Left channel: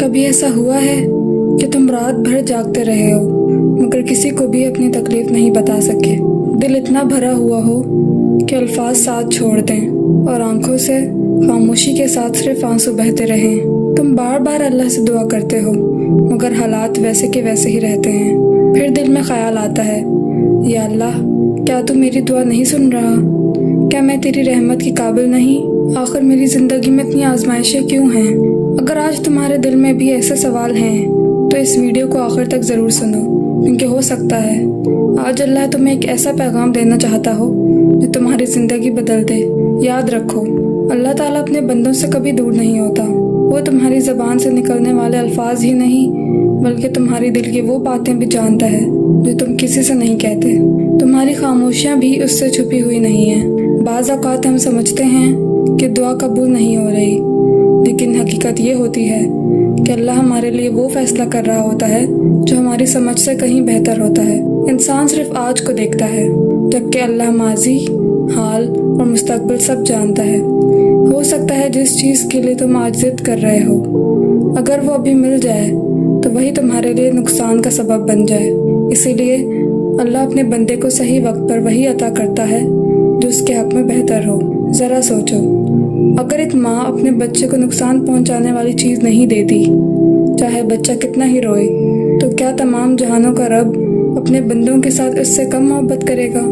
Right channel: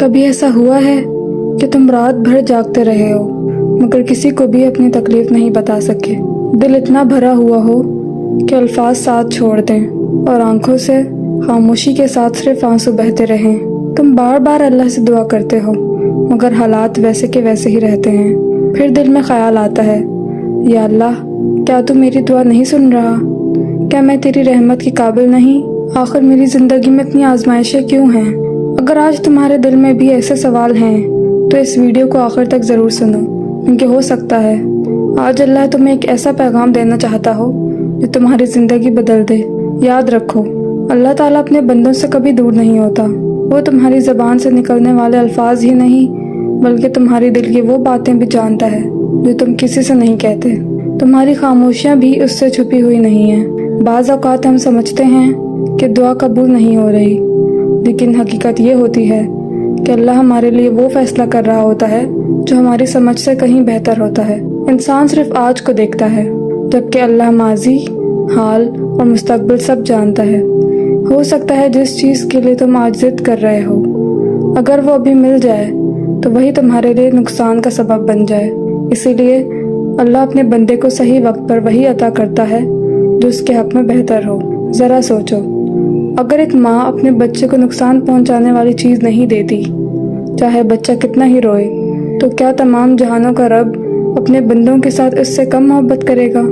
کبھی ایسا ہوا ہے کہ تم رات بھر جاگتے رہے ہو مگر کسی کو بھی اپنی تکلیف نہیں بتا سکے؟ دل اتنا بھرا ہوا ہو کہ الفاظ ساتھ چھوڑ دیں اور آنکھوں سے خاموشی کے ساتھ صرف آنسو بہتے رہیں۔ تم بار بار اللہ سے دعا کرتے ہو مگر حالات ویسے کے ویسے ہی رہتے ہیں۔ پھر دل میں خیال آتا ہے، یا اللہ، کیا تو میری دعا نہیں سن رہا؟ کیا میں تیری رحمت کی قابل نہیں؟ آخر میری زندگی میں اتنی آزمائشیں کیوں ہیں؟ اگر آج تمہارے دل میں بھی ایسے سوال ہیں تو اس ویڈیو کو آخر تک ضرور سنو، کیونکہ ہو سکتا ہے آج اللہ تمہیں ایک ایسا پیغام دینا چاہتا ہو جو تمہاری زندگی بدل دے۔ یاد رکھو، اللہ تعالیٰ اپنے بندوں سے کبھی دور نہیں ہوتا۔ وہ تمہاری زبان سے نکلنے والے الفاظ ہی نہیں بلکہ تمہاری دل کی وہ باتیں بھی جانتا ہے جو تم کسی سے نہیں کہتے۔ تمہاری خاموشیاں بھی اس سے چھپی ہوئی نہیں ہیں۔ بعض اوقات ہم سمجھتے ہیں کہ دعا قبول نہیں ہو رہی، لیکن حقیقت یہ ہوتی ہے کہ اللہ ہمارے لیے وہ فیصلہ کر رہا ہوتا ہے جو ہماری سمجھ سے کہیں بہتر ہوتا ہے۔ انسان صرف آج کو دیکھتا ہے جبکہ اللہ ماضی، حال اور مستقبل سب جانتا ہے۔ ہو سکتا ہے جس چیز کے لیے تم آج ضد کر رہے ہو، اگر وہ ابھی مل جائے تو وہی تمہارے لیے نقصان کا سبب بن جائے۔ اسی لیے اللہ اپنے بندے کو صحیح وقت پر وہی عطا کرتا ہے جو اس کے حق میں بہتر ہو۔ ذرا سوچو، اگر ایک ماں اپنے بچے کو نقصان پہنچانے والی چیز نہیں دیتی، چاہے بچہ کتنا ہی روئے، تو کیا تمام جہانوں کا رب اپنے بندوں کے ساتھ اس سے کم محبت کرے گا؟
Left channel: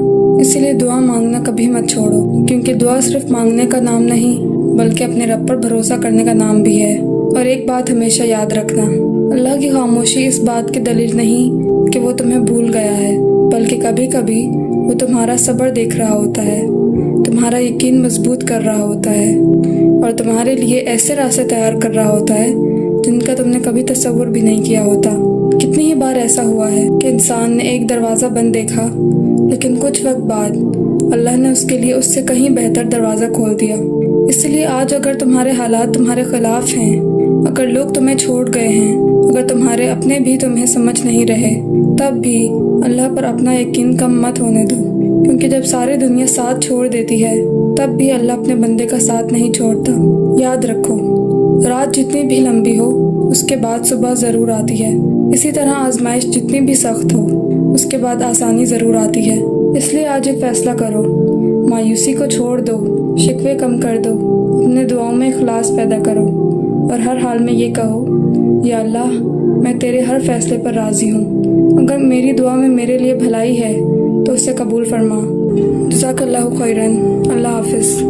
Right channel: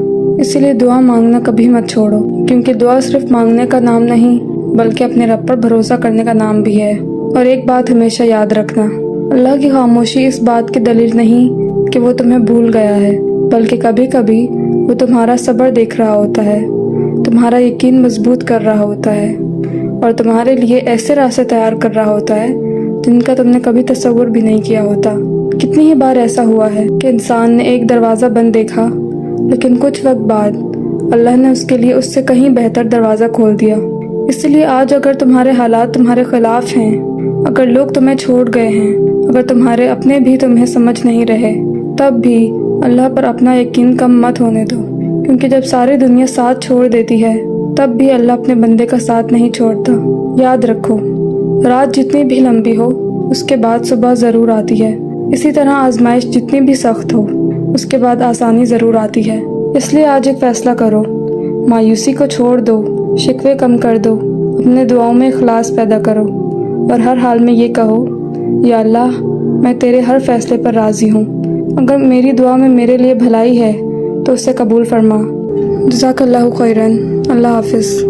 اسی لیے دعا مانگنا کبھی مت چھوڑو، کیونکہ دعا صرف مانگنے کا نام نہیں بلکہ اپنے رب پر بھروسہ کرنے کا نام بھی ہے۔ اور ایک بات ہمیشہ یاد رکھنا، اللہ کی خاموشی اس بات کی دلیل نہیں کہ وہ تمہیں بھول گیا ہے، بلکہ کبھی کبھی وہ تمہارا صبر دیکھ رہا ہوتا ہے، تمہارا یقین مضبوط کر رہا ہوتا ہے اور تمہارے لیے ایسے راستے تیار کر رہا ہوتا ہے جن کا تم نے کبھی تصور بھی نہیں کیا ہوتا۔ کتنی ہی بار ایسا ہوا ہے کہ انسان نے ایک دروازہ بند دیکھا، لیکن کچھ وقت بعد اللہ نے اس کے لیے اس سے کہیں بہتر دروازہ کھول دیا۔ اس لیے آج اگر تمہارے حالات تمہارے خلاف ہیں، اگر لوگ تمہیں چھوڑ گئے ہیں، اگر تمہارے اپنے بھی تمہیں سمجھ نہیں رہے، تب بھی اللہ پر اپنا یقین کم مت ہونے دو، کیونکہ جب ساری دنیا ساتھ چھوڑ دیتی ہے تب بھی اللہ اپنے بندے کا ساتھ نہیں چھوڑتا۔ یاد رکھو، رات جتنی بھی لمبی ہو اس کے بعد صبح ضرور آتی ہے۔ اسی طرح آزمائش جتنی بھی سخت ہو اس کے بعد آسانی ضرور آتی ہے۔ اس لیے آج ایک فیصلہ کرو، مایوسی کو چھوڑ دو، شکوے کم کر دو، اپنے دعاؤں میں اخلاص پیدا کرو اور ہر حال میں یہ کہو، یا اللہ، میں تیرے ہر فیصلے پر راضی ہوں۔ اگر میری دعا میں میرے لیے بھلائی ہے تو اسے قبول فرما۔ جزاک اللہ خیرن۔ اللہ حافظ۔